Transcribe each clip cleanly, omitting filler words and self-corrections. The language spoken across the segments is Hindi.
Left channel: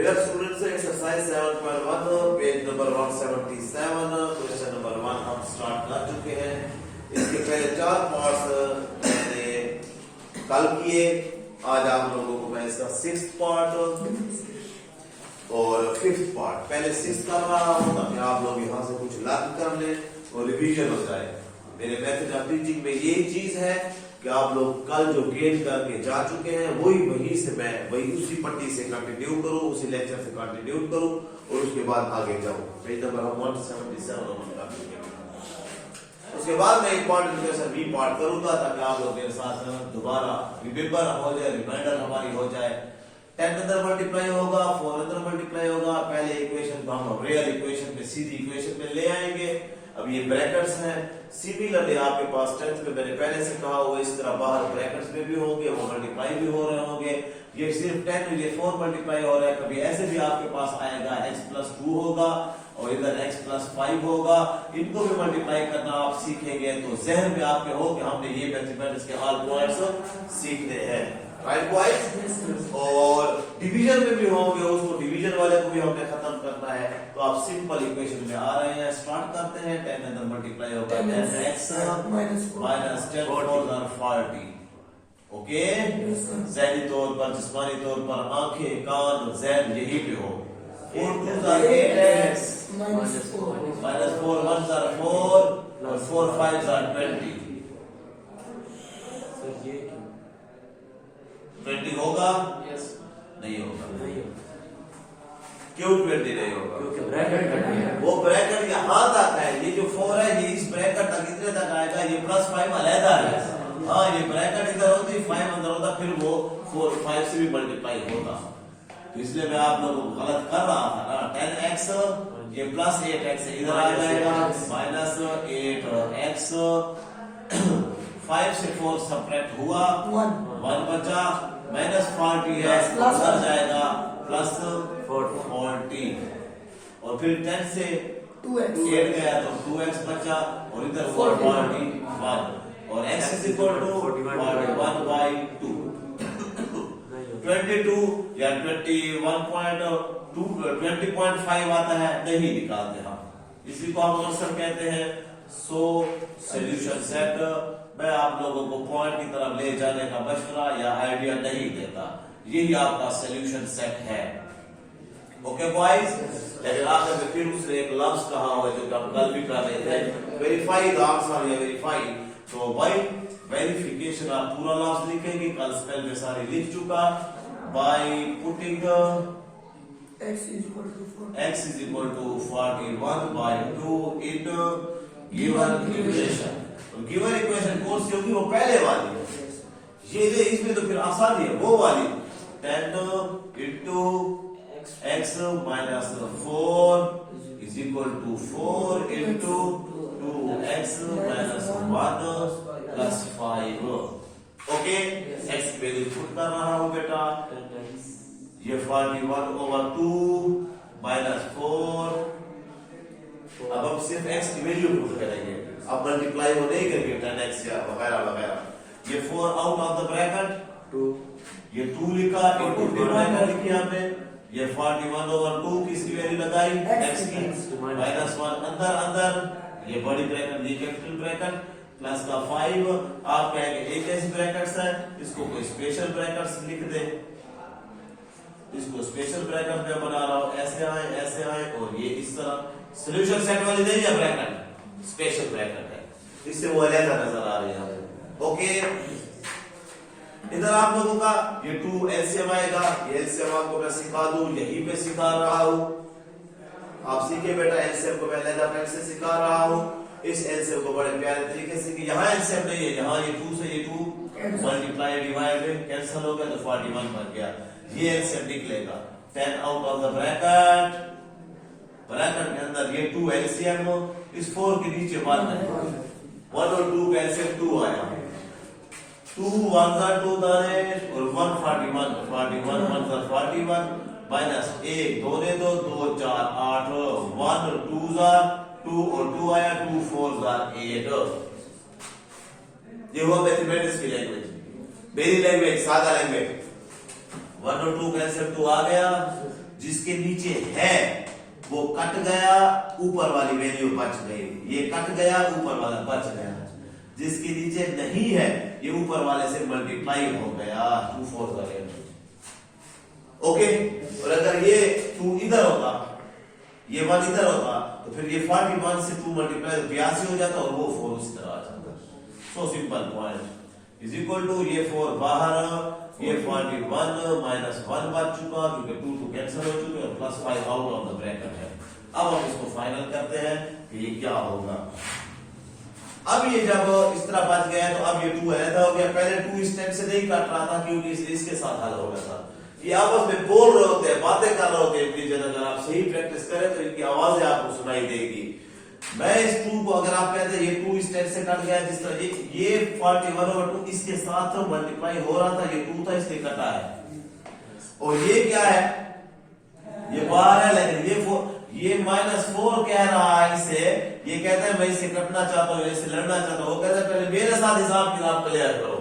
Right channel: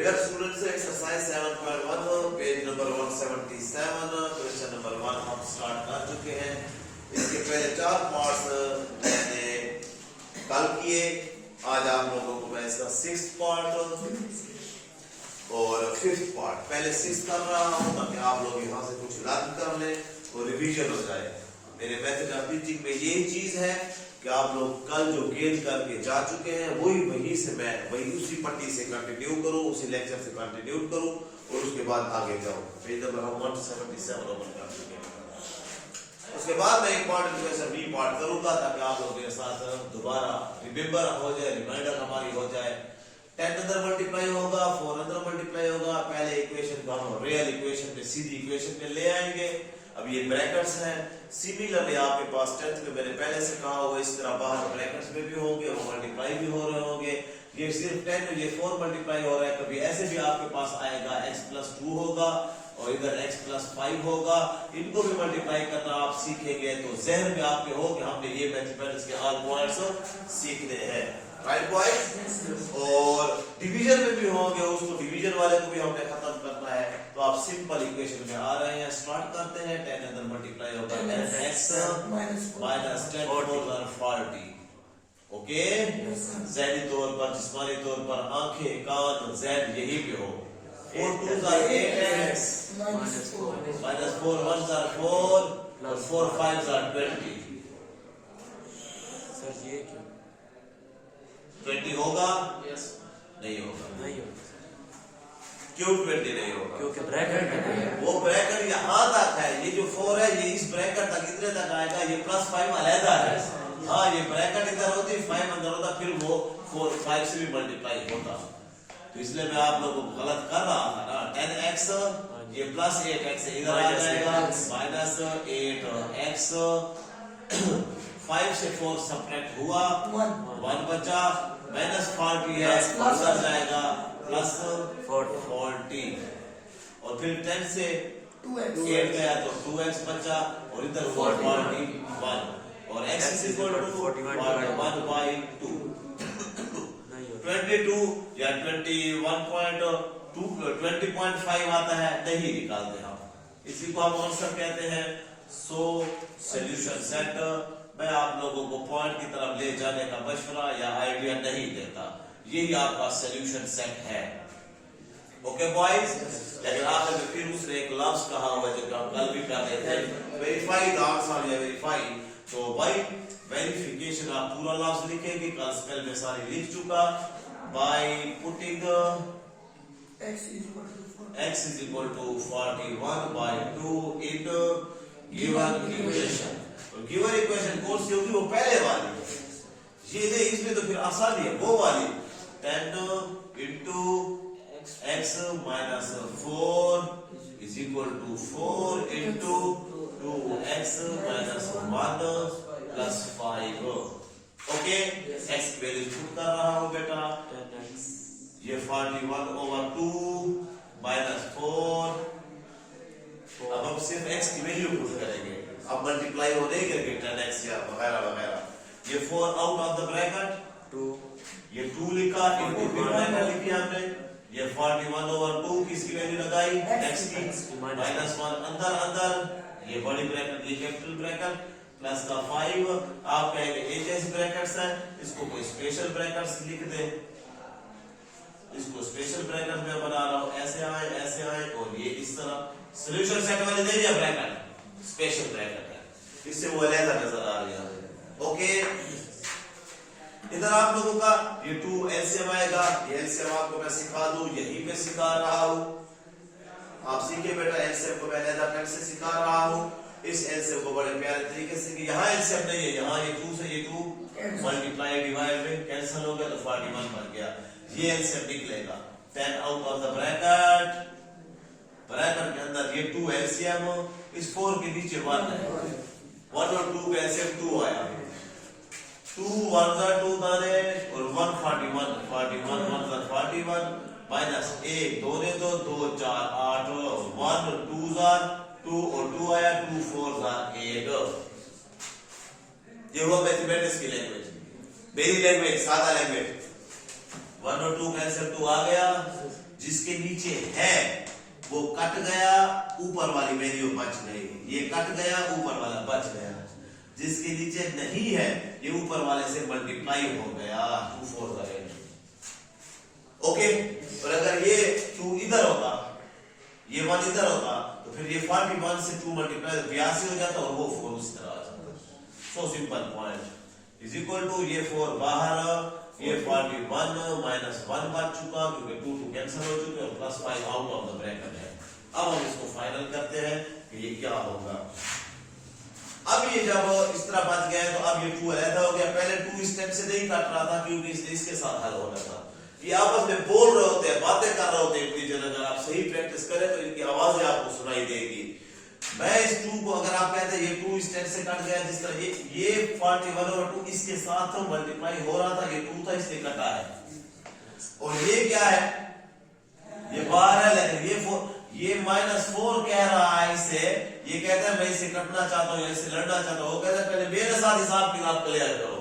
Dear students, exercise 7.1 page number 177 question number 1 हम स्टार्ट कर चुके हैं। इसके पहले 4 पार्ट्स मैंने कल किए। आज आप लोगों को मैं इसका 6th पार्ट और 5th पार्ट पहले 6 कर रहा हूँ ताकि आप लोग यहाँ से कुछ लर्न कर लें और रिवीजन हो जाए। मेरे मेथड ऑफ टीचिंग में यही चीज है कि आप लोग कल जो गेन करके जा चुके हैं वहीं से मैं उसी पट्टी से कंटिन्यू करूं, उसी लेक्चर से कंटिन्यू करूं और उसके बाद आगे जाऊं। पेज नंबर 177 ओपन कर चुके हैं। उसके बाद मैं इंपॉर्टेंट क्वेश्चन भी पार्ट करूंगा ताकि आप लोग मेरे साथ दोबारा रिमेंबर हो जाए, रिमाइंडर हमारी हो जाए। 10 अंदर मल्टीप्लाई होगा, 4 अंदर मल्टीप्लाई होगा। पहले इक्वेशन को हम रियल इक्वेशन पे सीधी इक्वेशन में ले आएंगे। अब ये ब्रैकेट्स हैं। सिमिलरली आपके पास 10th में मैंने पहले से कहा हुआ इस तरह बाहर ब्रैकेट्स में भी होंगे, वो मल्टीप्लाई भी हो रहे होंगे। ये सिर्फ 10 ये 4 मल्टीप्लाई हो रहा है। कभी ऐसे भी आपके पास आएगा x+2 होगा और इधर x+5 होगा। इनको भी मल्टीप्लाई करना आप सीखेंगे तो जहन में आपके हो कि हमने ये मैथमेटिक्स के ऑल पॉइंट्स सीखने हैं। Right boys? और डिवीजन में भी होंगे, उसको डिवीजन वाले को भी हमने खत्म करना है। तो आप सिंपल इक्वेशन में आ रहे हैं। स्टार्ट करते हैं। 10 अंदर मल्टीप्लाई होगा 10x माइनस 10 और 40। ओके, ज़हनी तौर पर, जिस्मानी तौर पर आंखें, कान, ज़हन यही पे हो। 4 2s are 8x minus 4 1s are 4 और 4 5s are 20। 20 होगा? यस। नहीं होगा। नहीं। क्यों 20 नहीं होगा? क्योंकि ब्रैकेट वो ब्रैकेट यहाँ तक है। ये जो 4 है ये इस ब्रैकेट तक इतने तक आएगा। ये +5 अलग है। हाँ, ये ब्रैकेट इधर होती, 5 अंदर होता, फिर वो 4 5 से भी मल्टीप्लाई होता। तो इसलिए मैं आप लोगों को गलत कर रहा था ना। 10x ये +8x इधर आ जाएगा -8x 5 से 4 सब्ट्रैक्ट हुआ 1 बचा -40 है उधर जाएगा +40 और फिर 10 से 8 गया तो 2x बचा और इधर हुआ 41 और x is equal to 41/2। 22 या 20.5 आता है, नहीं निकालते हम। इसी को हम आंसर कहते हैं। सो सॉल्यूशन सेट मैं आप लोगों को पॉइंट की तरफ ले जाने का मशवरा या आइडिया नहीं देता। यही आपका सॉल्यूशन सेट है। Okay boys? लेकिन आखिर में फिर उसने एक लफ्ज कहा हुआ जो हम कल भी कर रहे थे, वेरीफाई द आंसर या वेरीफाई। तो भाई वेरिफिकेशन आप पूरा लफ्ज लिखेंगे। कल स्पेल में सारी लिख चुका। By putting x is equal to 41/2 in given equation। तो गिवन इक्वेशन कौन सी होगी? वो पहले वाली। ये जो इसमें तो फिर आसानी है वो वाली 10 into x minus 4 is equal to 4 into 2x minus 1 plus 5। Okay, x की वैल्यू पुट कर रहा हूं बेटा। ये 41/2 minus 4। अब हम सिर्फ x की वैल्यू पुट करेंगे। अब मल्टीप्लाई वो नहीं करेंगे 10x या वगैरह वगैरह। ये 4 आउट ऑफ द ब्रैकेट 2, ये 2 लिखा इनको डिवाइड लिखी हमने। ये 41/2 किसकी वैल्यू लगाई? x की -1 अंदर ये बड़ी ब्रैकेट ये कैपिटल ब्रैकेट प्लस का 5। आप कहेंगे एक ऐसे ब्रैकेट्स है, इसको कोई स्पेशल ब्रैकेट्स लिख दे। इसको स्पेशल ब्रैकेट में बना रहा हूं, ऐसे आए और ये इस तरह। सॉल्यूशन सेट वाली नहीं है ब्रैकेट, स्पेशल ब्रैकेट है, इससे वो अलग नजर आ रही है। ओके, इधर आप लोगों का ये 2 एलसीएम आएगा। ये एलसीएम आपको मैं सिखा दूं, यहीं पे सिखा रहा हूं। आप सीखे बेटा, एलसीएम को मैं लेजर पेन से सिखा रहा हूं। इस एलसीएम को बड़े प्यारे तरीके से कि यहाँ एलसीएम नहीं है, यहाँ ये 2 से ये 2 मल्टीप्लाई डिवाइड में कैंसिल हो गया तो 41 बन गया। ये एलसीएम निकलेगा 10 आउट ऑफ द ब्रैकेट के अंदर ये 2 एलसीएम इस 4 के नीचे 1 है। 1 और 2 का एलसीएम 2 आया। 2 1s are 2 दानेश और 1 41 41 1s are 41 माइनस 1 2 ने 2 2 4 8 1 2s are 2 और 2 आया 2 4s are 8। ये हुआ मैथमेटिक्स की लैंग्वेज, मेरी लैंग्वेज, सादा लैंग्वेज। 1 और 2 कैंसिल 2 आ गया, जिसके नीचे है वो कट गया, ऊपर वाली वैल्यू बच गई। ये कट गया, ऊपर वाला बच गया। जिसके नीचे नहीं है ये ऊपर वाले से मल्टीप्लाई हो गया। 2 4 का रेट। ओके, और अगर ये 2 इधर होता, ये 1 इधर होता, तो फिर ये 41 से 2 मल्टीप्लाई तो 82 हो जाता और वो 4 उस तरह आ जाता। So simple point is equal to ये 4 बाहर, ये 41 माइनस 1 बच चुका क्योंकि 2 2 कैंसिल हो चुके और plus 5 out of the bracket है। अब हम इसको फाइनल करते हैं कि ये क्या होगा। अब ये जब इस तरह बच गया तो अब ये 2 अलग हो गया। पहले 2 इस टाइप से नहीं कट रहा था क्योंकि इसके साथ हल हो रहा था। ये आपस में बोल रहे होते हैं, बातें कर रहे होते हैं टीचर। अगर आप सही प्रैक्टिस करें तो इनकी आवाजें आपको सुनाई देगी। मैं इस 2 को अगर आप कहते हैं ये 2 इस टाइप से कट गया, जिस तरह ये 41/2 इसके साथ तो मल्टीप्लाई हो रहा था, ये 2 था इसलिए कटा है। और ये क्या है, ये बाहर है, लेकिन ये -4 कह रहा है इसे। ये कहता है मैं इसे कटना चाहता हूँ, इससे लड़ना चाहता हूँ। वो कहता है पहले मेरे साथ हिसाब किताब क्लियर करो।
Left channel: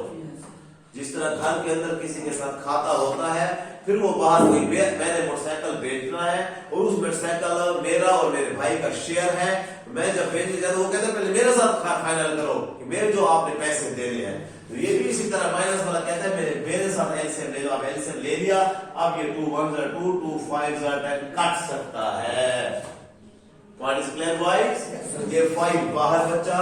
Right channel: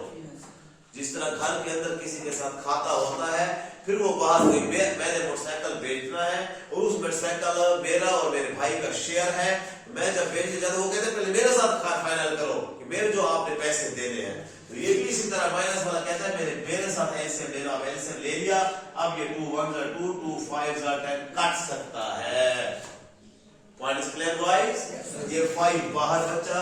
जिस तरह घर के अंदर किसी के साथ खाता होता है, फिर वो बाहर हुई मैंने मोटरसाइकिल बेचना है और उस मोटरसाइकिल मेरा और मेरे भाई का शेयर है। मैं जब बेचने जाता हूँ वो कहता है पहले मेरे साथ फाइनल करो कि मेरे जो आपने पैसे देने हैं। तो ये भी इसी तरह माइनस वाला कहता है मेरे साथ एलसीएम ले लो। अब एलसीएम ले लिया, अब ये 2 1 2 2 5 10 कट सकता है। What is clear boys? ये 5 बाहर बचा,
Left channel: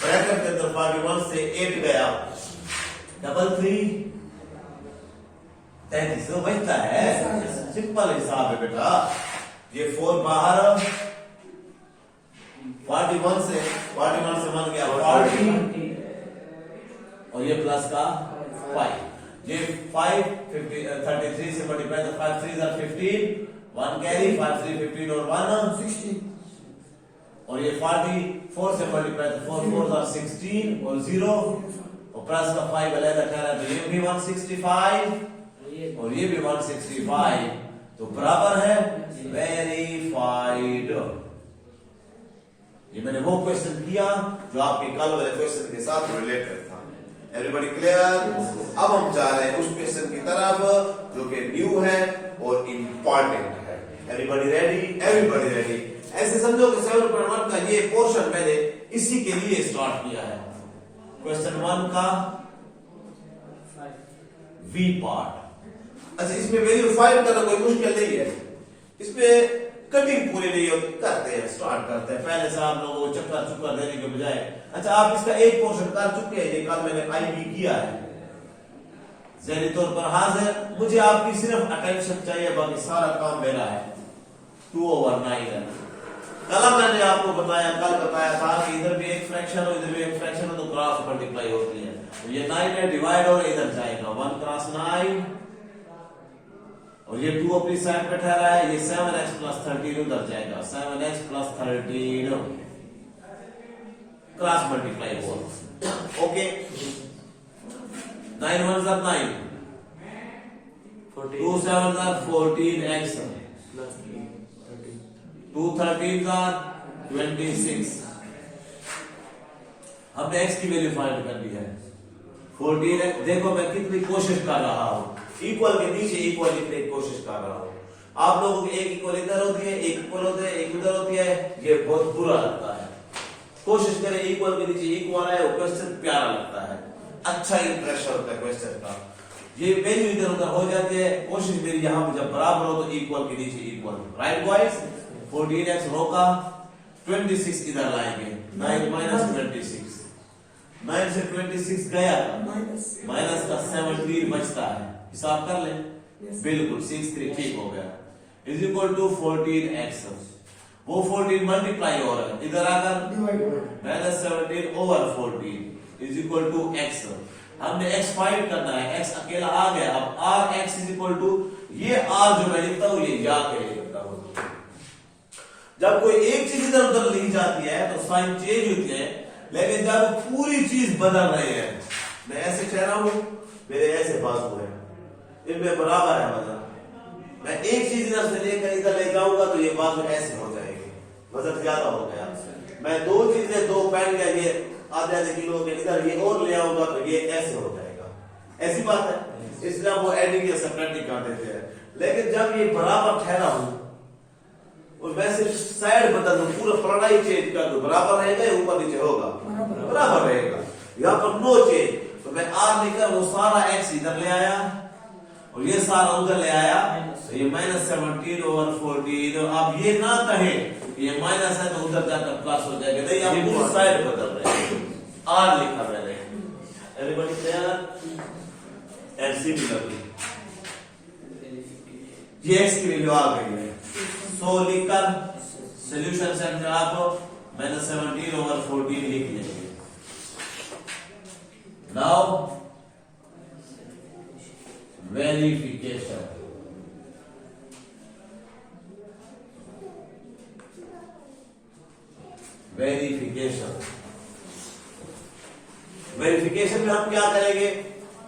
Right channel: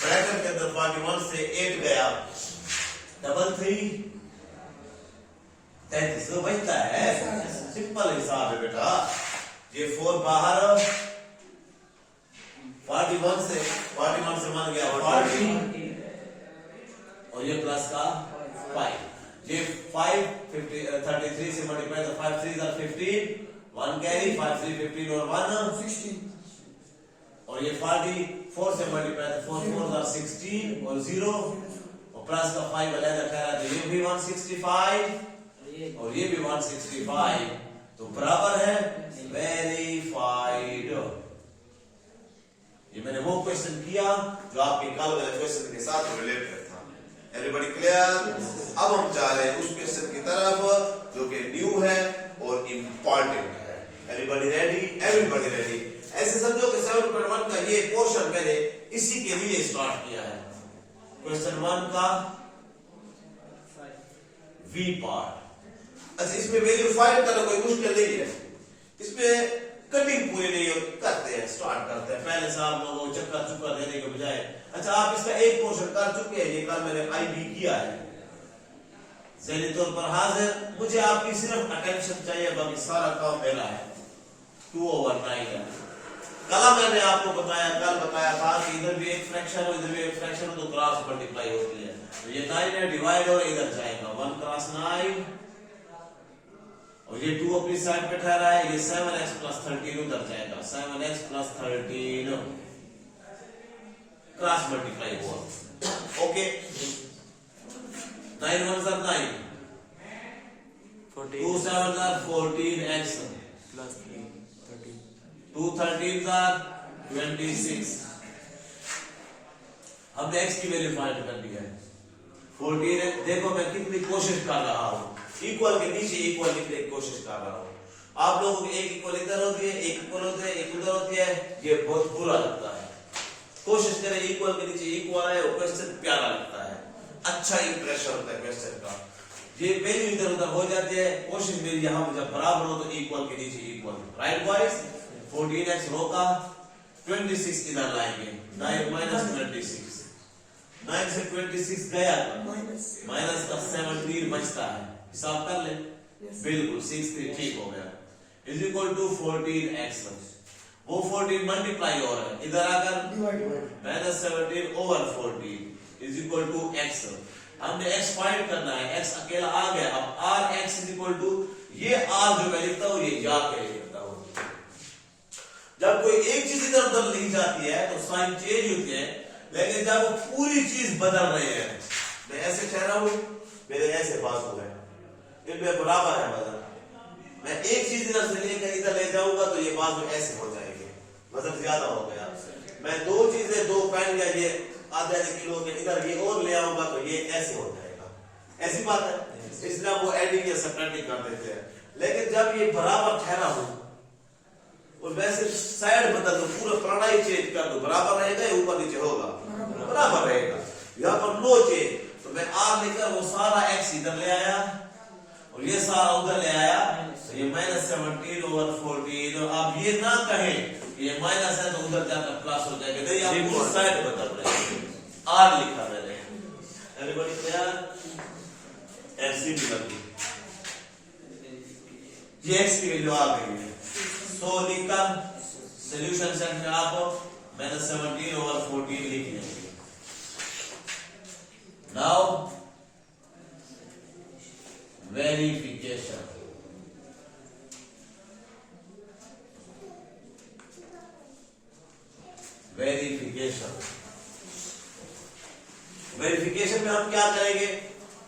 ब्रैकेट के अंदर 41 से 8 गया, 3 33 तो बचता है। सिंपल हिसाब है बेटा। ये 4 बाहर, 41 से मान गया 40 और ये प्लस का 5। ये 5 33 से मल्टीप्लाई तो 5 3 are 15, 1 कैरी, 5 3 15 और 1 16। और ये 44 से मल्टीप्लाई तो 4 4 are 16 और 0 और प्लस का 5 अलग कर रहा है तो ये भी 165 और ये भी 165 तो बराबर है वेरीफाइड। ये मैंने वो क्वेश्चन किया जो आपके कल वाले क्वेश्चन के साथ रिलेटेड था। Everybody clear? अब हम जा रहे हैं उस क्वेश्चन की तरफ जो कि न्यू है और इंपॉर्टेंट है। Everybody ready? Everybody ready? ऐसे समझो कि 7.1 का ये पोर्शन मैंने इसी के लिए स्टार्ट किया है। क्वेश्चन 1 का वी पार्ट। अच्छा, इसमें वैल्यू फाइंड करना कोई मुश्किल नहीं है। इसमें कटिंग पूरी नहीं करते हैं, स्टार्ट करते हैं पहले से आप लोगों को चक्कर चुक्कर देने के बजाय। अच्छा, आप इसका एक पोर्शन कर चुके हैं, ये कल मैंने आईबी किया है ज़हनी तौर पर हाजिर। मुझे आपकी सिर्फ अटेंशन चाहिए, बाकी सारा काम मेरा है। 2/9 है। कल मैंने आपको कल बताया था कि इधर भी एक फ्रैक्शन हो इधर भी एक फ्रैक्शन हो तो क्रॉस मल्टीप्लाई होती है। तो ये 9 में डिवाइड और इधर जाएगा 1 क्रॉस 9 और ये 2 अपनी साइड पे ठहरा है। ये 7x + 13 उधर जाएगा 7x + 13 क्रॉस मल्टीप्लाई हुआ। Okay, 9 1s are 9, 2 7s are 14x, 2 13s are 26। हमने x की वैल्यू फाइंड कर ली है 14। देखो मैं कितनी कोशिश कर रहा हूं, इक्वल के नीचे इक्वल लिखने की कोशिश कर रहा हूं। आप लोगों को एक इक्वल इधर होती है, एक इक्वल होते हैं, एक उधर होती है, ये बहुत बुरा लगता है। कोशिश करें इक्वल के नीचे इक्वल है, वो क्वेश्चन प्यारा लगता है, अच्छा इंप्रेशन होता है क्वेश्चन का। ये वैल्यू इधर उधर हो जाती है। कोशिश मेरी यहां जब बराबर हो तो इक्वल के नीचे इक्वल। Right boys? 14x रोका, 26 इधर लाएंगे, 9 - 26, 9 से 26 गया, माइनस का 17 बचता है। हिसाब कर ले। बिल्कुल 6 3 ठीक हो गया। Is equal to 14x। वो 14 मल्टीप्लाई हो रहा है, इधर आकर -17/14 इज इक्वल टू x। हमने x फाइंड करना है, x अकेला आ गया। अब rx इज इक्वल टू ये r जो मैं लिखता हूं ये या के लिए लिखता हूं। जब कोई एक चीज इधर उधर लिख जाती है तो साइन चेंज होती है, लेकिन जब पूरी चीज बदल रही है, मैं ऐसे कह रहा हूं, मेरे ऐसे बाजू है, इनमें बराबर है वजन। मैं एक चीज इधर से लेकर इधर ले जाऊंगा तो ये बाजू ऐसे हो जाएगी, वजन ज्यादा हो गया। मैं 2 चीजें 2 पेन या ये आधे किलो के इधर ये और ले आऊंगा तो ये ऐसे हो जाएगा। ऐसी बात है, इसलिए वो एडिंग या सब्ट्रैक्टिंग कर देते हैं। लेकिन जब ये बराबर ठहरा हो और वैसे साइड बदल दो, पूरा प्रणाली चेंज कर दो, बराबर रहेगा या ऊपर नीचे होगा? बराबर रहेगा। यहाँ पर नो चेंज, तो मैं आर लिखकर वो सारा एक्स इधर ले आया और ये सारा उधर ले आया, ये -17 ओवर 14। और आप ये ना कहे ये माइनस है तो उधर जाकर प्लस हो जाएगा, नहीं आप पूरा साइड बदल रहे हैं, आर लिखा मैंने। Everybody clear? सिमिलरली ये एक्स की वैल्यू आ गई है, सो लिखकर सॉल्यूशन सेट में आप -17 ओवर 14 लिख लेंगे। नाउ वेरिफिकेशन, वेरिफिकेशन में हम क्या करेंगे,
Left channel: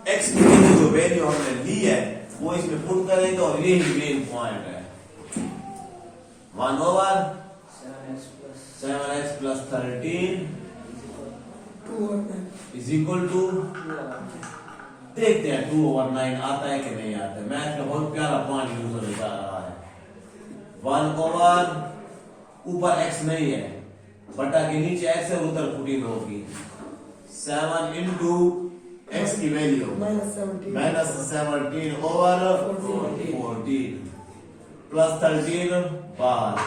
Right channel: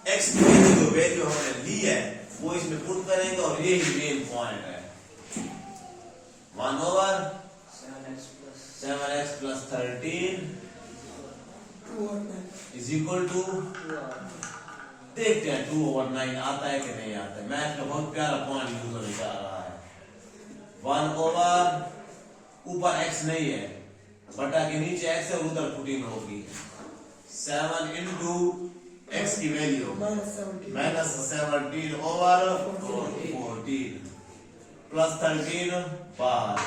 एक्स की जो वैल्यू हमने ली है वो इसमें पुट करेंगे और ये ही मेन पॉइंट है। 1 over 7x plus 13 is equal to, देखते हैं 2 ओवर 9 आता है कि नहीं आता है। मैथ का बहुत प्यारा पॉइंट यूजर बता रहा है। 1 ओवर ऊपर x नहीं है, बटा के नीचे x है, उधर पुटिंग होगी 7 इंटू x की वैल्यू -17 ओवर 14 प्लस 13 बाहर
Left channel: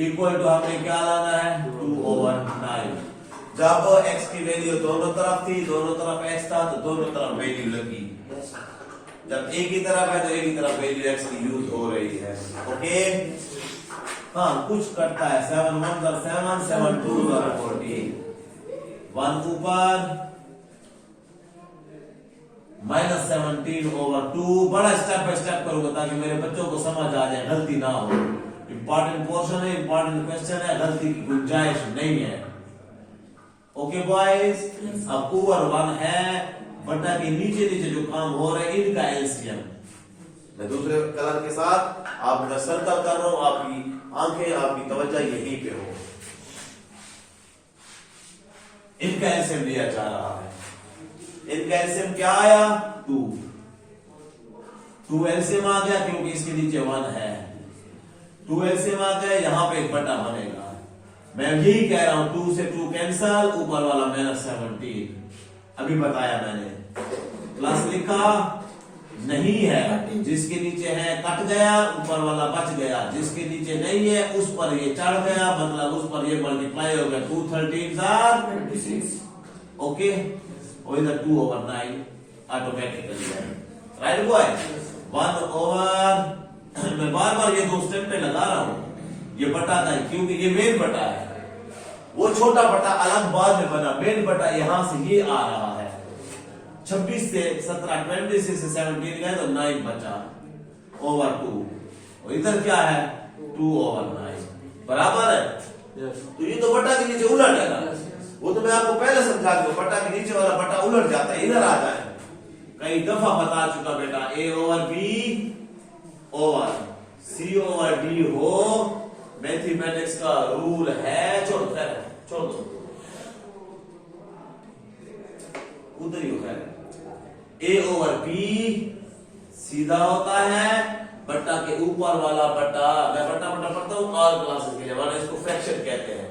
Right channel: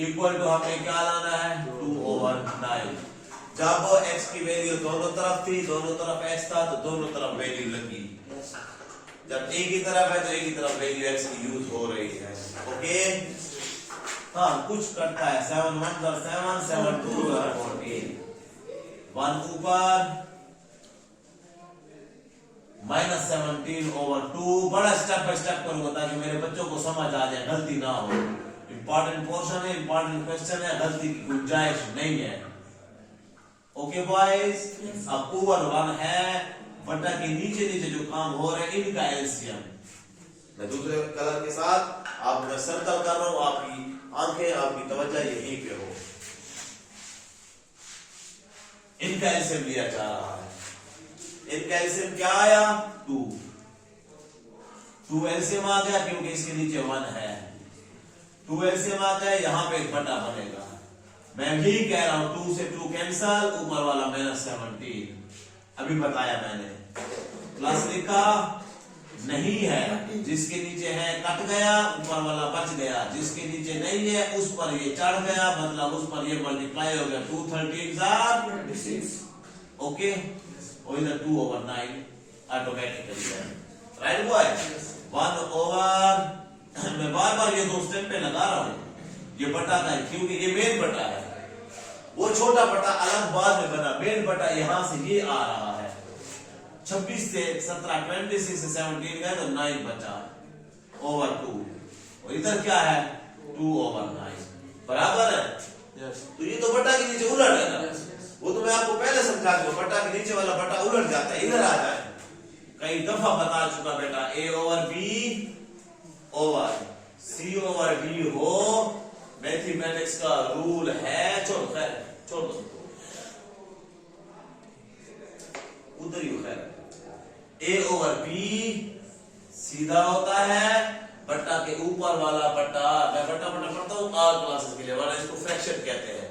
इक्वल टू हमें क्या लाना है 2 ओवर 9। जब x की वैल्यू दोनों तरफ थी, दोनों तरफ x था, तो दोनों तरफ वैल्यू लगी। जब एक ही तरफ है तो एक ही तरफ वैल्यू x की यूज हो रही है। ओके, हाँ कुछ करता है 7 1 7 7 2 14 1 ऊपर -17 ओवर 2। बड़ा स्टेप बाय स्टेप करूंगा ताकि मेरे बच्चों को समझ आ जाए, गलती ना हो। इंपॉर्टेंट पोर्शन है, इंपॉर्टेंट क्वेश्चन है, गलती की गुंजाइश नहीं है। ओके बॉयज, अब ऊपर 1 है, बटा के नीचे नीचे जो काम हो रहे हैं इनका एलसीएम मैं दूसरे कलर के साथ आप सर्कल कर रहा हूं, आपकी आंखें आपकी तवज्जो यहीं पे हो। इनका एलसीएम दिया जा रहा है, इनका एलसीएम क्या आया 2 एलसीएम आ गया क्योंकि इसके नीचे 1 है। 2 एलसीएम आ गया, यहां पे एक बटा बनेगा। मैं यही कह रहा हूं 2 से 2 कैंसल, ऊपर वाला -17 अभी बताया मैंने, प्लस लिखा नहीं है, जिसके नीचे है कट गया, ऊपर वाला बच गया, जिसके नीचे नहीं है उस पर ये चढ़ गया, मतलब उस पर ये मल्टीप्लाई हो गया 2 13 26। ओके, और इधर 2 ओवर 9 ऑटोमेटिकली है। राइट बॉयज, 1 ओवर मैं बार बार ये 2 स्टेप पे लगा रहा हूं, ये बटा था क्योंकि ये मेन बटा है, वो छोटा बटा अलग बाद में बना, मेन बटा यहां से ये आ रहा है। 26 से 17 26 से 17 गए तो 9 बचा ओवर 2, और इधर क्या है 2 ओवर 9 बराबर है। तो ये तो बटा के नीचे उलट है ना, वो तो मैं आपको पहले समझा दूं, बटा के नीचे वाला बटा उलट जाता है, इधर आ जाए। कई दफा बता चुका बेटा, A over B over C over D हो, मैथमेटिक्स का रूल है। छोड़ो खैर, छोड़ो उधर ही खैर, A ओवर B सीधा होता है, बट्टा के ऊपर वाला बट्टा, मैं बट्टा बट्टा पढ़ता हूँ ऑल क्लासेस के लिए, वरना इसको फ्रैक्शन कहते हैं।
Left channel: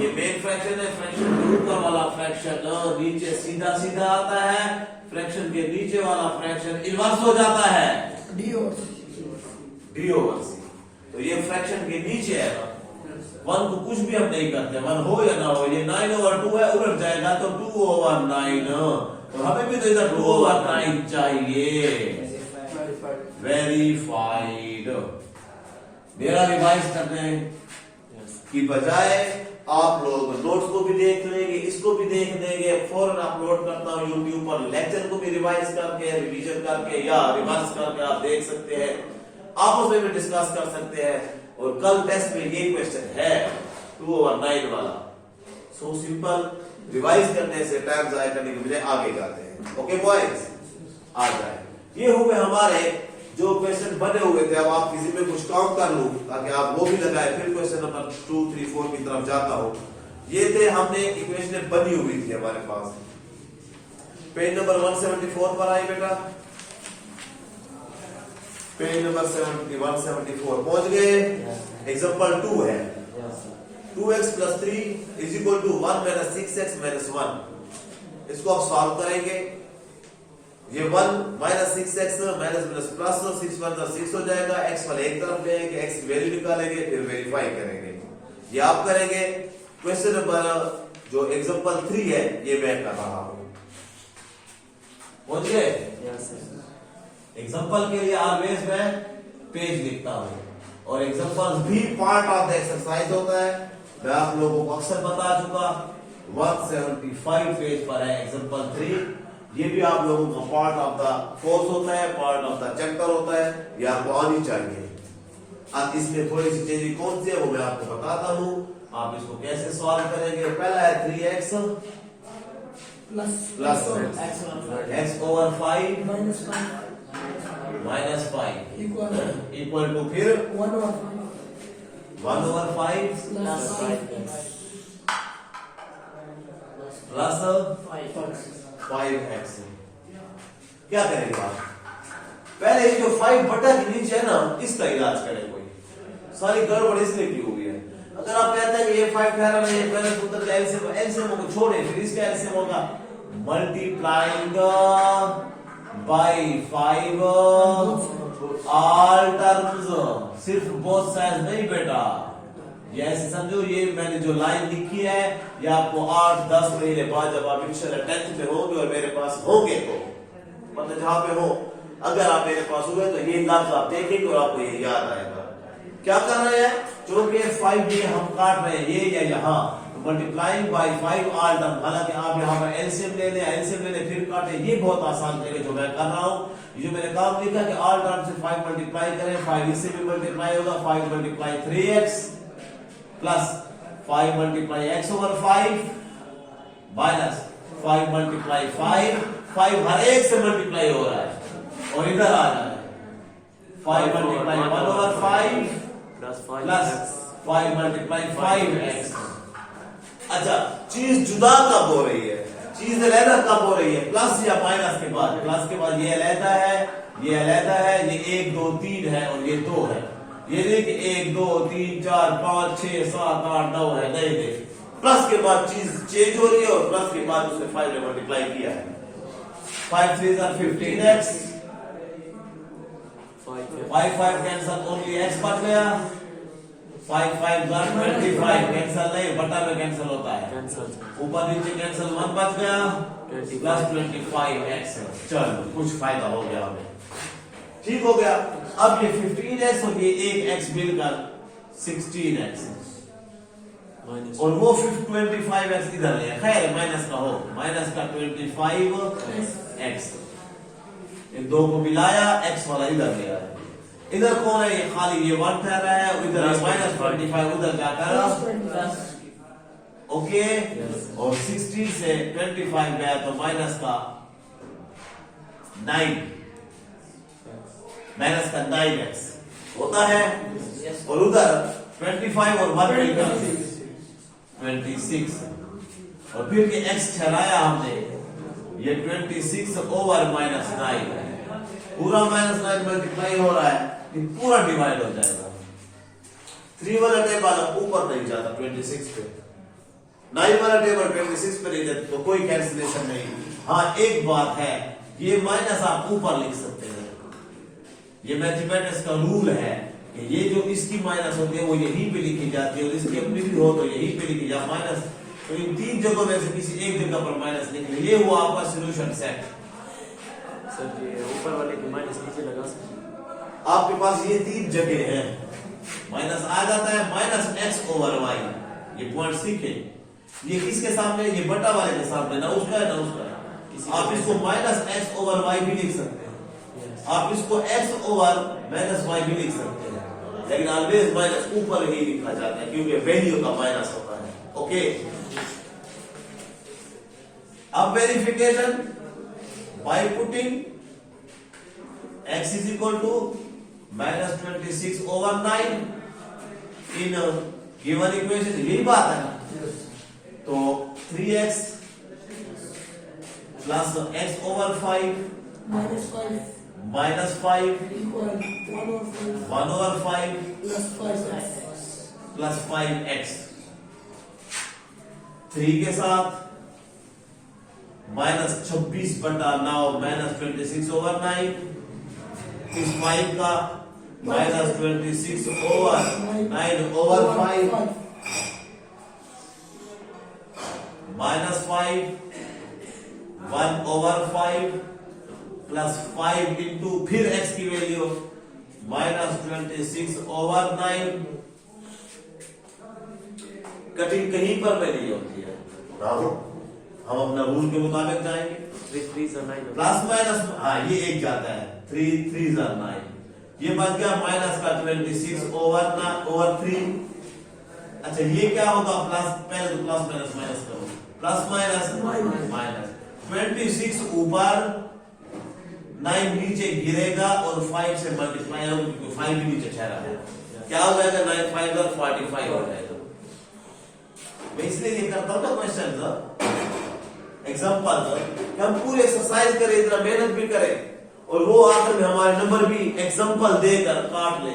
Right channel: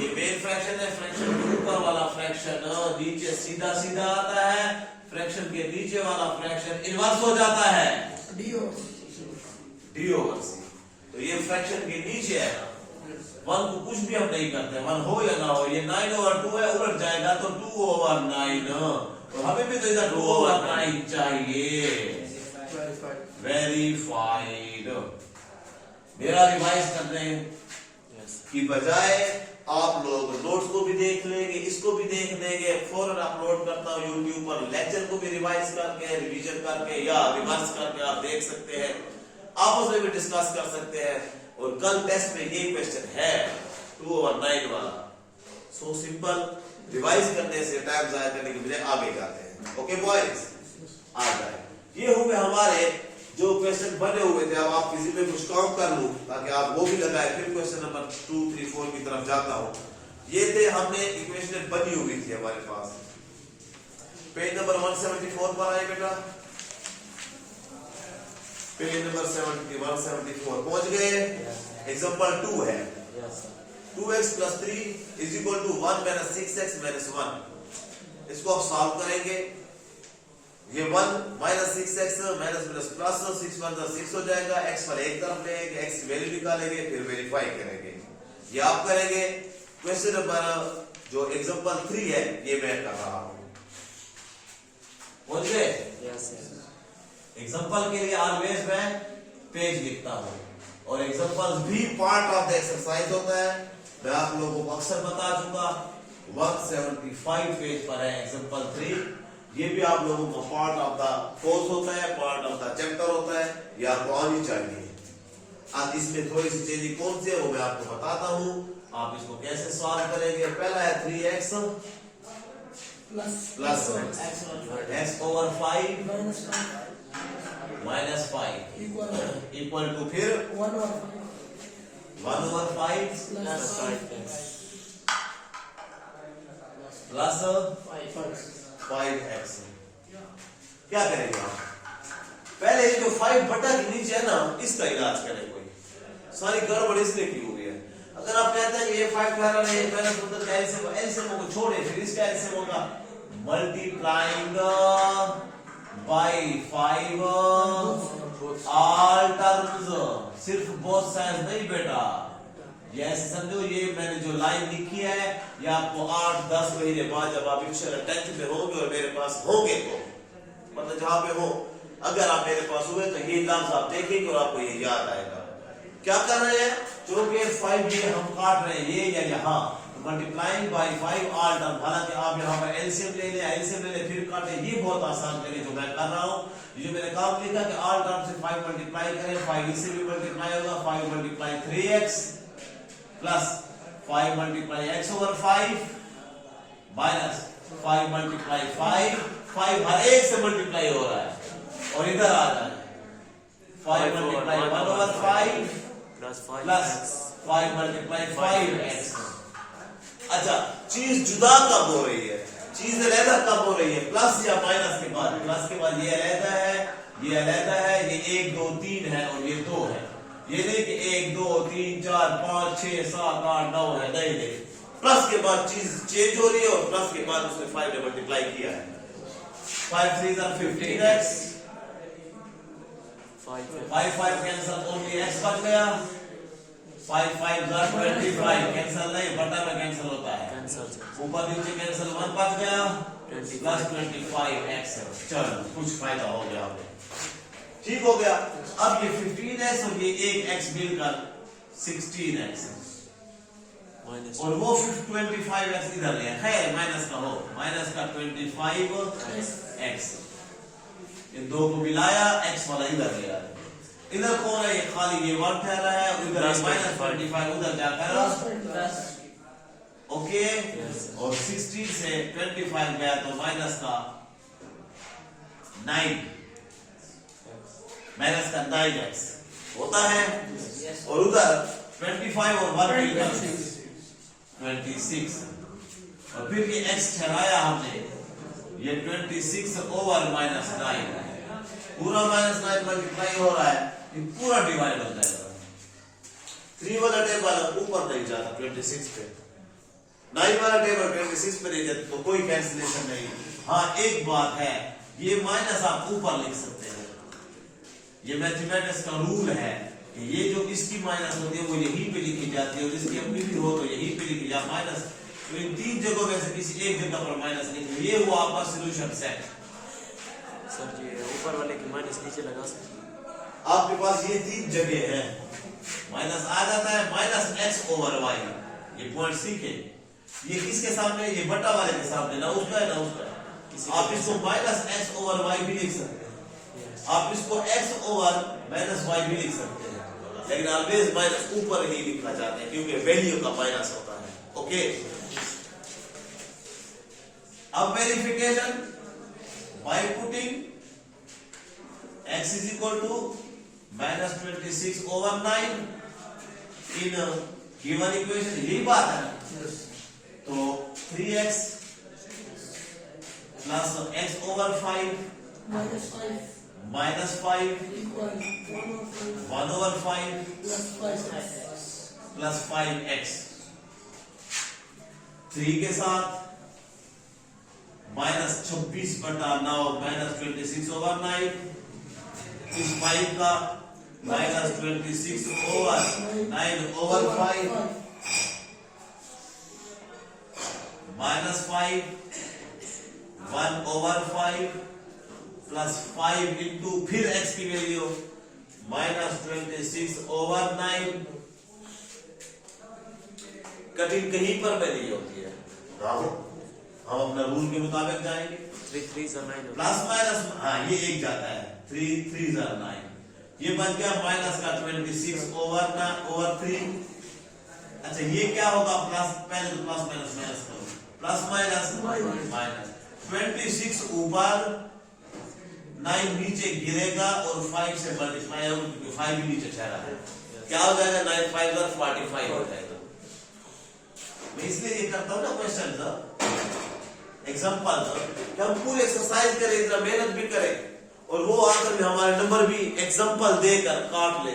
ये मेन फ्रैक्शन है, फ्रैक्शन के ऊपर वाला फ्रैक्शन नीचे सीधा सीधा आता है, फ्रैक्शन के नीचे वाला फ्रैक्शन इनवर्स हो जाता है D ओवर C। तो ये फ्रैक्शन के नीचे है ना, 1 को कुछ भी हम नहीं करते, 1 हो या ना हो, ये 9 ओवर 2 है, उलट जाएगा तो 2 ओवर 9, और हमें भी तो इधर 2 ओवर 9 चाहिए। वेरीफाइड। मेरा रिवाइज करने की बजाय आप लोग नोट्स को भी देख लेंगे, इसको भी देख लेंगे, फौरन अपलोड करता हूँ यूट्यूब पर, लेक्चर को भी रिवाइज करके, रिवीजन करके या रिवर्स करके आप देख सकते हैं, आपस में भी डिस्कस कर सकते हैं। और कल टेस्ट में ये क्वेश्चन है 2 ओवर 9 वाला। सो सिंपल, रिवाइज करने से टाइम जाया करने के बजाय आगे जाते हैं। ओके बॉयज, आ जाए। ये हो गए हमारे जो क्वेश्चन बने हुए थे। अब आप किसी में कुछ काम कर लूं ताकि आप वो भी लगाए, फिर क्वेश्चन नंबर 2 3 4 की तरफ जाता हो। ये थे, हमने इक्वेशन बनी हुई थी हमारे पास। पेज नंबर 174 पर आए बेटा, पेज नंबर 174 पहुंच गए। एग्जांपल 2 है, 2x + 3 = 1 - 6x - 1। इसको आप सॉल्व करेंगे। ये 1 - 6x माइनस प्लस 6 1 6 हो जाएगा। x वाले एक तरफ लेंगे, x की वैल्यू निकालेंगे, फिर वेरीफाई करेंगे। ये आप करेंगे। क्वेश्चन नंबर जो एग्जांपल 3 है ये मैं कर रहा हूं। पहुंच गए? एग्जांपल के लिए ऑलवेज मैं पेज लिखता हूं, और एग्जांपल्स भी पार्ट ऑफ द एक्सरसाइज होता है। मैं आप लोगों को अक्सर बता चुका। 175 पेज पर है एग्जांपल 3। ये भी आप लोगों का पार्ट ऑफ द कोर्स होता है, पार्ट ऑफ द चैप्टर होता है, ये आपको आनी चाहिए। अब इसमें थोड़ी सी चीजें कौन सी है वो मैं आपको बताता हूं। आप इसको कैसे सॉल्व करेंगे। पहला है 3x plus x/5 -5 equal to फिर 1/5 प्लस 5x। क्या करेंगे आप? पहले ये जो 5 बटा के नीचे है ना, इसका इलाज करें। कोई सारी गड़बड़ इसलिए की हुई है। अगर आप कहते हैं ये 5 ठहरा नहीं है, पहले सूत्र का एलसीएम को छोड़े, फिर इसका एलसीएम होगा मल्टीप्लाइंग बाय 5 ऑल टर्म्स, सिर्फ बोथ साइड्स नहीं बेटा। ये ऐसे समझो, ये मैंने जो लाइन लिखी है ये आपको 8-10 महीने बाद जब आप इंशाल्लाह 10th में होंगे और मेरे पास होंगे, तो मतलब जहां पे हो, अगर आप मेरे पास हुए तो ये लफ्ज आप देखेंगे और आपको ये याद आएगा। क्या करना है? क्योंकि 5 ये हम काट रहे हैं, ये या यहाँ, तो मल्टीप्लाइंग बाय 5 ऑल टर्म। हालांकि आप यहाँ पर एलसीएम ले लें फिर काटे, ये बहुत आसान है जो मैं कर रहा हूँ। ये जो मैंने काम लिखा कि ऑल टर्म से 5 मल्टीप्लाई करें, 5 इससे भी मल्टीप्लाई होगा, 5 multiply 3x plus 5 multiply x/5 minus 5 multiply 5 हर एक से मल्टीप्लाई हो रहा है, और इधर आ रहा है 5 मल्टीप्लाई 1/5 प्लस 5 मल्टीप्लाई 5x। अच्छा, चीज जुदा कब हो रही है? चीज अलहदा कब हो रही है? प्लस या माइनस के बाद? प्लस के बाद ये अलहदा है, ये अलहदा है, ये 1 2 3 है और ये 2 है। ये नहीं कि 1 2 3 4 5 6 7 8 9 है, नहीं। प्लस के बाद चीज चेंज हो रही है, और प्लस के बाद उसने 5 ने मल्टीप्लाई किया है। 5 3 15x, 5 कैंसल, ओनली x बच गया। 5 5 25 कैंसल नहीं, बटा में कैंसल होता है, ऊपर नीचे कैंसल, 1 बच गया प्लस 25x। चलो कुछ फायदा हो गया हमें, ठीक हो गया। अब ये 15x और ये एक x मिलकर 16x, और वो 25x इधर है। खैर माइनस का हो, माइनस का 25x, इन दो को मिलाया, x वाला इधर गया। इधर कौन है? ये खाली ये 1 ठहरा है, इधर -25, उधर जाकर ओके। और 16 से 25 गया तो माइनस का 9x होता है, और उधर 25 और 1 मिलकर 26, और फिर ये x ठहराया हमने, ये 26/-9 है। पूरा -9 मल्टीप्लाई हो रहा है, ये पूरा डिवाइड हो जाएगा। 3 वाला टेबल ऊपर नहीं जाता 26 पे, 9 वाला टेबल 26 पे नहीं जाता, तो कोई कैंसिलेशन नहीं। हाँ एक बात है, ये माइनस आप ऊपर लिख सकते हैं, ये मैथमेटिक्स का रूल है कि ये जो इसकी माइनस होती है वो यहीं पे लिखी जाती है, और इसकी अपनी भी हो तो यहीं पे लिखी जाए माइनस। तो इन 3 जगहों में से किसी एक जगह पर माइनस लिखें, ये हुआ आपका सॉल्यूशन सेट। सर ये ऊपर वाले की माइनस नीचे लगा सकते हैं। आपके पास ये 3 जगह है, माइनस आ जाता है, -x/y। ये पॉइंट सीखे, ये किसके सामने? ये बटा वाले के सामने, ना उसका है ना उसका। आप इसको -x/y भी लिख सकते हैं, आप इसको x/-y भी लिख सकते हैं, लेकिन ऑलवेज माइनस ऊपर ही लिखा जाता है क्योंकि वैल्यू का माइनस होता है। ओके, अब verification by putting x = -26/9 in given equation, यही बात है ना। तो 3x plus x over 5 minus 5 minus 5 equal 1 over 5 plus 5x plus 5x 3 के साथ माइनस 26/9 माइनस 26 ओवर 9 इस 5 का minus 26 over 9 over 5 minus 5 1 over 5 plus 5 into फिर x की वैल्यू माइनस 26 ओवर 9 कठिन कहीं पर में नहीं होती है राहुल हम अपना रूल के मुताबिक जाएंगे 3 3 9 प्लस माइनस हाँ ये एक जाता है 3 3 9 ये बन गया माइनस का 26 ओवर 3 अच्छा ये क्या होगा प्लस पहले तो प्लस माइनस माइनस करो प्लस माइनस माइनस 26 ऊपर 9 नीचे गिरेगा और 5 से मल्टीप्लाई होगा क्योंकि 5 भी नीचे ठहरा है क्या हो जाएगा 9 5 और 45 हो जाएगा मैं इसलिए ये करता हूं ना क्वेश्चन एग्जांपल हम पूरी एक्सरसाइज करें इतना मेहनत भी करें और वो आखिर में हमारे नंबर भी एग्जांपल देकर काट ले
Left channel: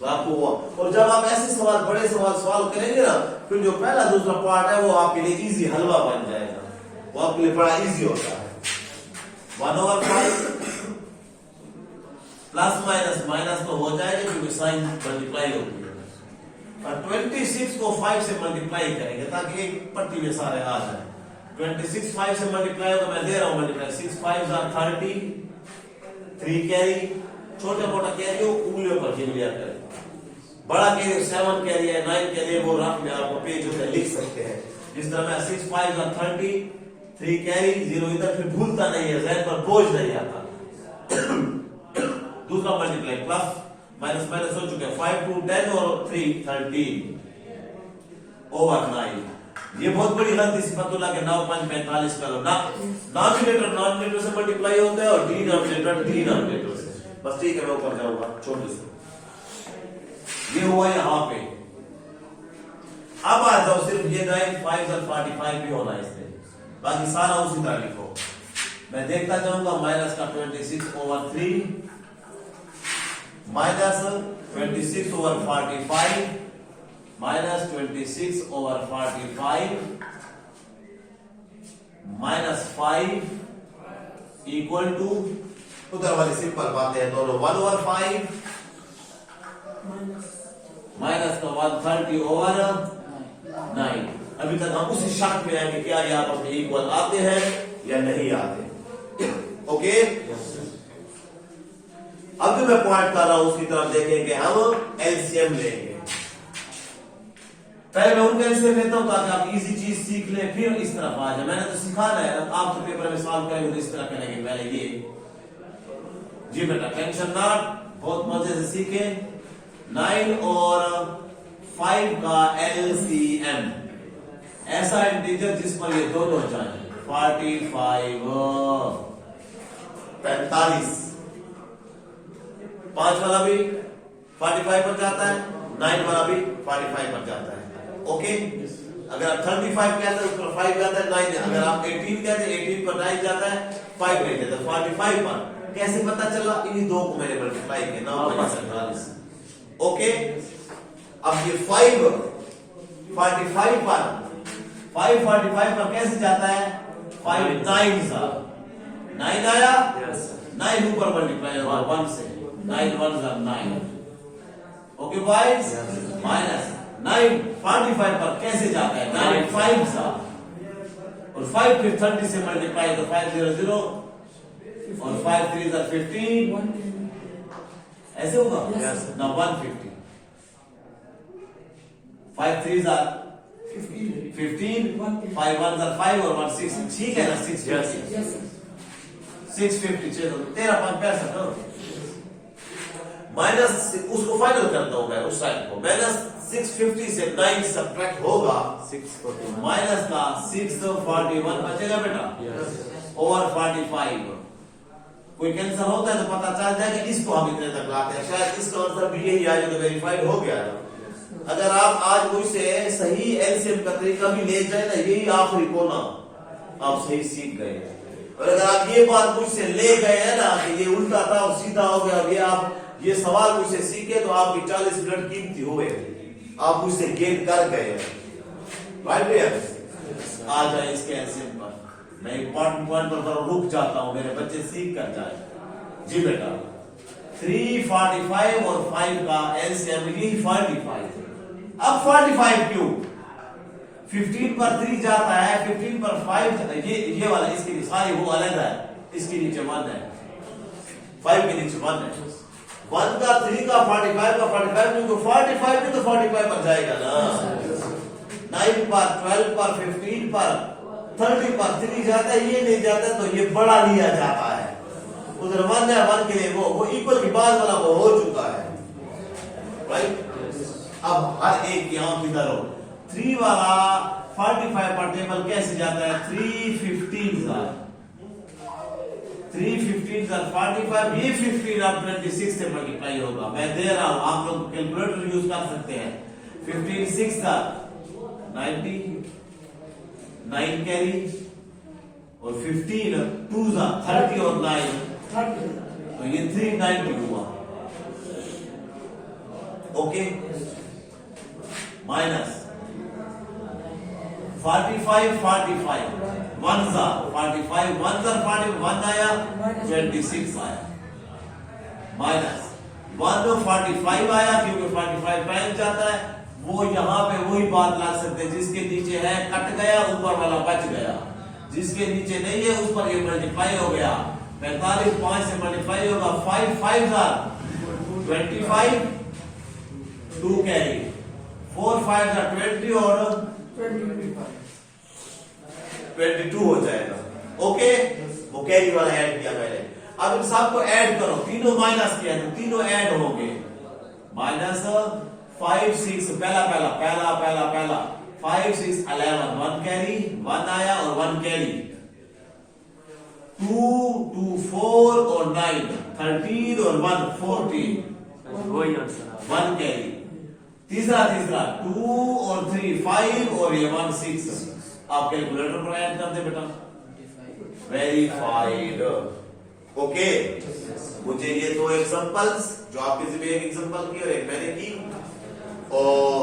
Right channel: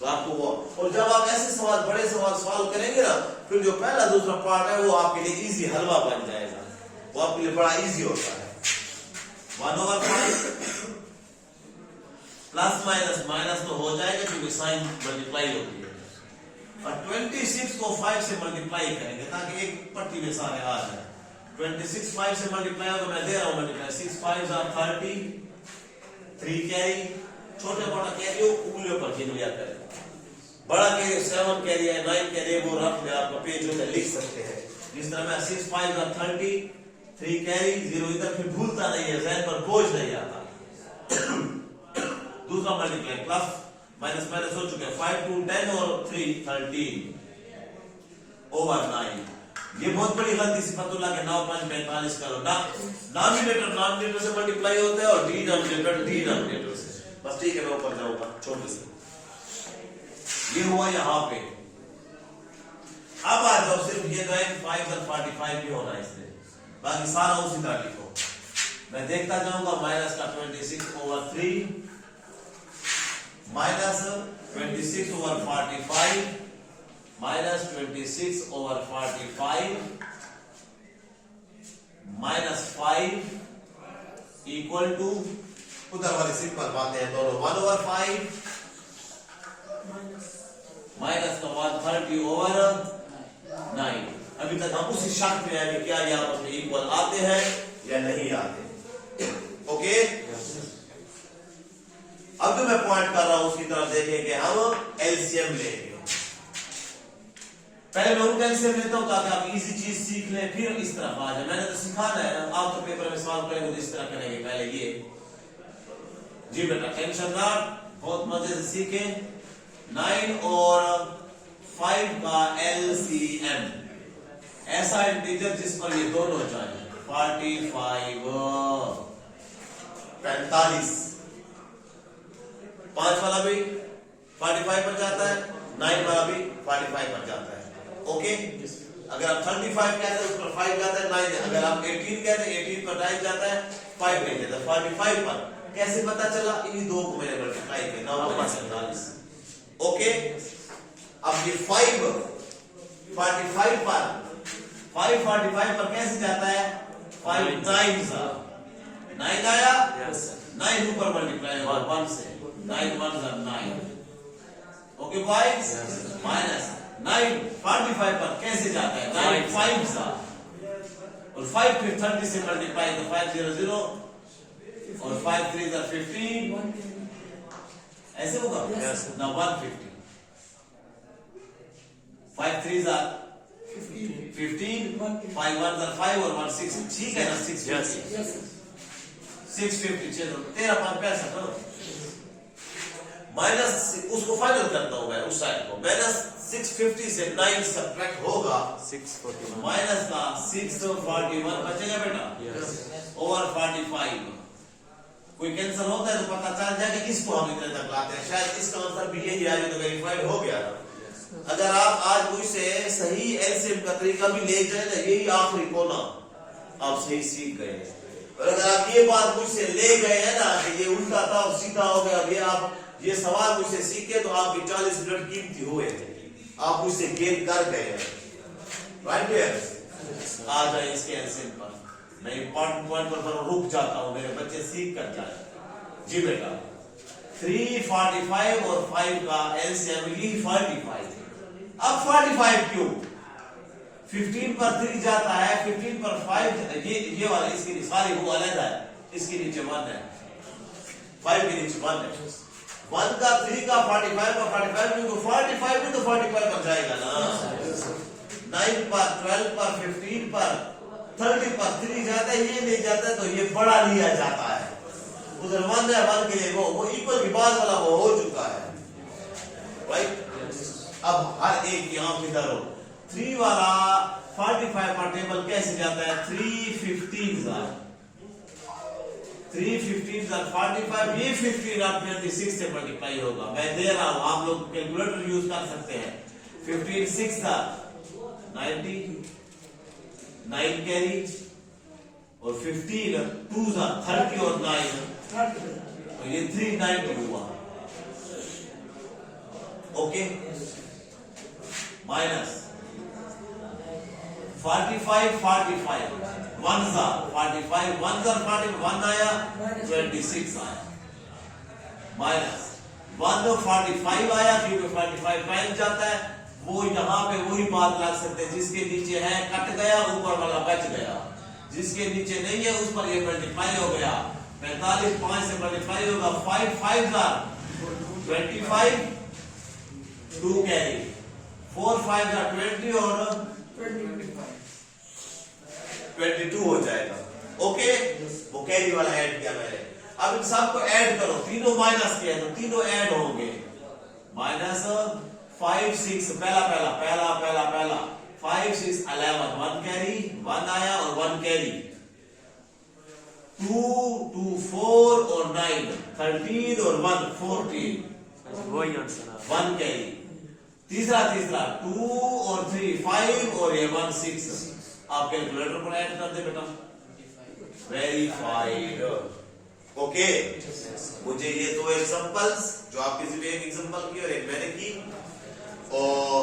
तो आपको वो और जब आप ऐसे सवाल बड़े सवाल सॉल्व करेंगे ना फिर जो पहला दूसरा पार्ट है वो आपके लिए इजी हलवा बन जाएगा वो आपके लिए बड़ा इजी होता है 1 ओवर 5 प्लस माइनस माइनस तो हो जाएगा क्योंकि साइन मल्टीप्लाई होती है और 26 को 5 से मल्टीप्लाई करेंगे ताकि एक पट्टी में सारे आ जाए 26 5 से मल्टीप्लाई होगा मैं दे रहा हूं मल्टीप्लाई 6 5 are 30 3 कैरी छोटे मोटा कैरी हो उंगलियों पर गिन लिया करें बड़ा कैरी 7 कैरी है 9 कैरी वो रफ में आपको पेज पे लिख सकते हैं जिस तरह मैं 6 5 are 30 3 कैरी 0 इधर फिर भूलता नहीं है जहन पर बोझ नहीं आता दूसरा मल्टीप्लाई प्लस माइनस माइनस हो चुके हैं 5 2 10 और 3 13 ओवर 9 ये बहुत बड़ी गलती सिफतुल्लाह के 9 5 45 करो ना नॉमिनेटर से मल्टीप्लाई होता है और डिनोमिनेटर से बस ठीक है मैं ऊपर जाऊंगा छोड़ दो ये हुआ यहां पे अब आ जाओ सिर्फ ये 9 5 और 45 भी होना है इसमें बाकी सारा उसी तरह लिखो मैं देखता जाऊंगा माइनस का 26 over 3 minus 26 over 45 minus 26 over 45 minus 5 equal to उधर वाली सिंपल बातें हैं दोनों 1 ओवर 5 माइनस का 130 ओवर 9 अभी तक हम उसी शक में हैं कि क्या ये आपस में इक्वल आते हैं या नहीं आते ओके अब जो मैं पॉइंट कर रहा हूं उसकी तरफ देखेंगे हम एलसीएम लेंगे पहले मैं उनका एलसीएम लेता हूं ताकि आप इजी चीज सीख लें फिर इस तरफ आ जाए मैंने तो सिखाना है ना आप तो पेपर में सॉल्व करेंगे तो इस तरह करेंगे पहले ये जी बेटा टेंशन नॉट बहुत मजे से सीखे 9 और 5 का एलसीएम ऐसा इंटीजर जिस पर ये दोनों जाए 45 45 5 वाला भी 45 पर जाता है 9 वाला भी 45 पर जाता है ओके अगर आप 35 कहते हैं उस पर 5 जाता है 9 अगर आप 18 कहते हैं 18 पर 9 जाता है 5 नहीं जाता 45 पर कैसे पता चला इन्हीं दो को मैंने मल्टीप्लाई किया 9 45 ओके अब ये 5 45 पर 5 45 पर कैसे जाता है 5 टाइम्स 9 आया 9 ऊपर मल्टीप्लाई होगा 1 से 9 1s are 9 okay boys minus 9 45 पर कैसे जाता है 9 5s और 5 फिर 30 से मल्टीप्लाई तो 5 0 0 और 5 3s are 15 ऐसे होगा ना 150 5 3s are 15 5 1s are 5 और 1 6 ठीक है ना 650 650 चलो 13 5 पैसा करो माइनस उसको फाइनल करता हूं मैं उस साइड को माइनस 650 से 9 सब्ट्रैक्ट होगा 641 माइनस का 641 बचेगा बेटा ओवर 45 कोई कैंसर होता है तो पता चल जाएगा इसको हम इतने तक लाते हैं शायद इसका आंसर भी यही आज तो वेरीफाइड हो गया अगर आप आज मुझसे सही एलसीएम का तरीका भी ले जाए ना यही आखिरी कोना आप सही सीख गए और अगर आप ये बात मुझसे ले गए हैं ना कि ये उल्टा था और सीधा हो गया, ये आप ये सवाल मुझसे सीखे तो आपकी 40 मिनट कीमती हुए, आप मुझसे गेन कर गए हैं। राइट, आ जाए इसके एलसीएम पर। मैं इंपॉर्टेंट पॉइंट पर रुक जाता हूं, मेरे बच्चे सीख कर जाए। जी बेटा, 345 और 5 का एलसीएम यही 45। अब 45 क्यों? 15 पर 3 जाता है, 15 पर 5, ये वाला इसके लिए सारी वो अलग है, इसके नीचे 1 है, 5 के नीचे 1 है। 1 का 3 का 45 का 45 क्योंकि 45 भी तो 45 बन जाएगा ना। 9 पर 12 पर 15 पर 30 पर 3 जाता है, ये नहीं जाता है तो ये बड़ा लिया जाता है। उधर 1 है, 1 के लिए वो इक्वल की बाद वाला वो हो चुका है। राइट, अब हर एक यहां किधर हो 3 वाला 45 पर टेबल कैसे जाता है? 315 45, ये 15 अब 26 से मल्टीप्लाई होगा। मैं दे रहा हूं, आप लोग कैलकुलेटर यूज कर सकते हैं। 15 6 90, 9 कैरी और 15 2 30 और 9 तो ये 390 हुआ। ओके, माइनस 45 45 1 45 1 41 आया, 26 आया। माइनस 145 आया क्योंकि 45 पहले जाता है, वो यहां पे वही बात लग सकते हैं, जिसके नीचे है कट गया, ऊपर वाला बच गया, जिसके नीचे नहीं है उस पर ये मल्टीप्लाई हो गया। 45 5 से मल्टीप्लाई होगा, 5 5 25 2 कैरी, 4 5 20 और 22 हो जाएगा। ओके, वो कैरी वाला ऐड किया मैंने। अब इन सबको ऐड करो, तीनों माइनस किया तो तीनों ऐड होंगे। माइनस 5 6 पहला 5 6 11 1 कैरी 1 आया और 1 कैरी 2 2 4 और 9 13 और 1 14 वही आंसर 1 कैरी। तीसरा 2 और 3 5 और ये 1 6। आप कैलकुलेटर पर ऐड कर दे बेटा। वेरीफाइड। ओके, मुझे ये 2 एग्जांपल्स जो आप किसी भी एक एग्जांपल की और एक मैंने की, और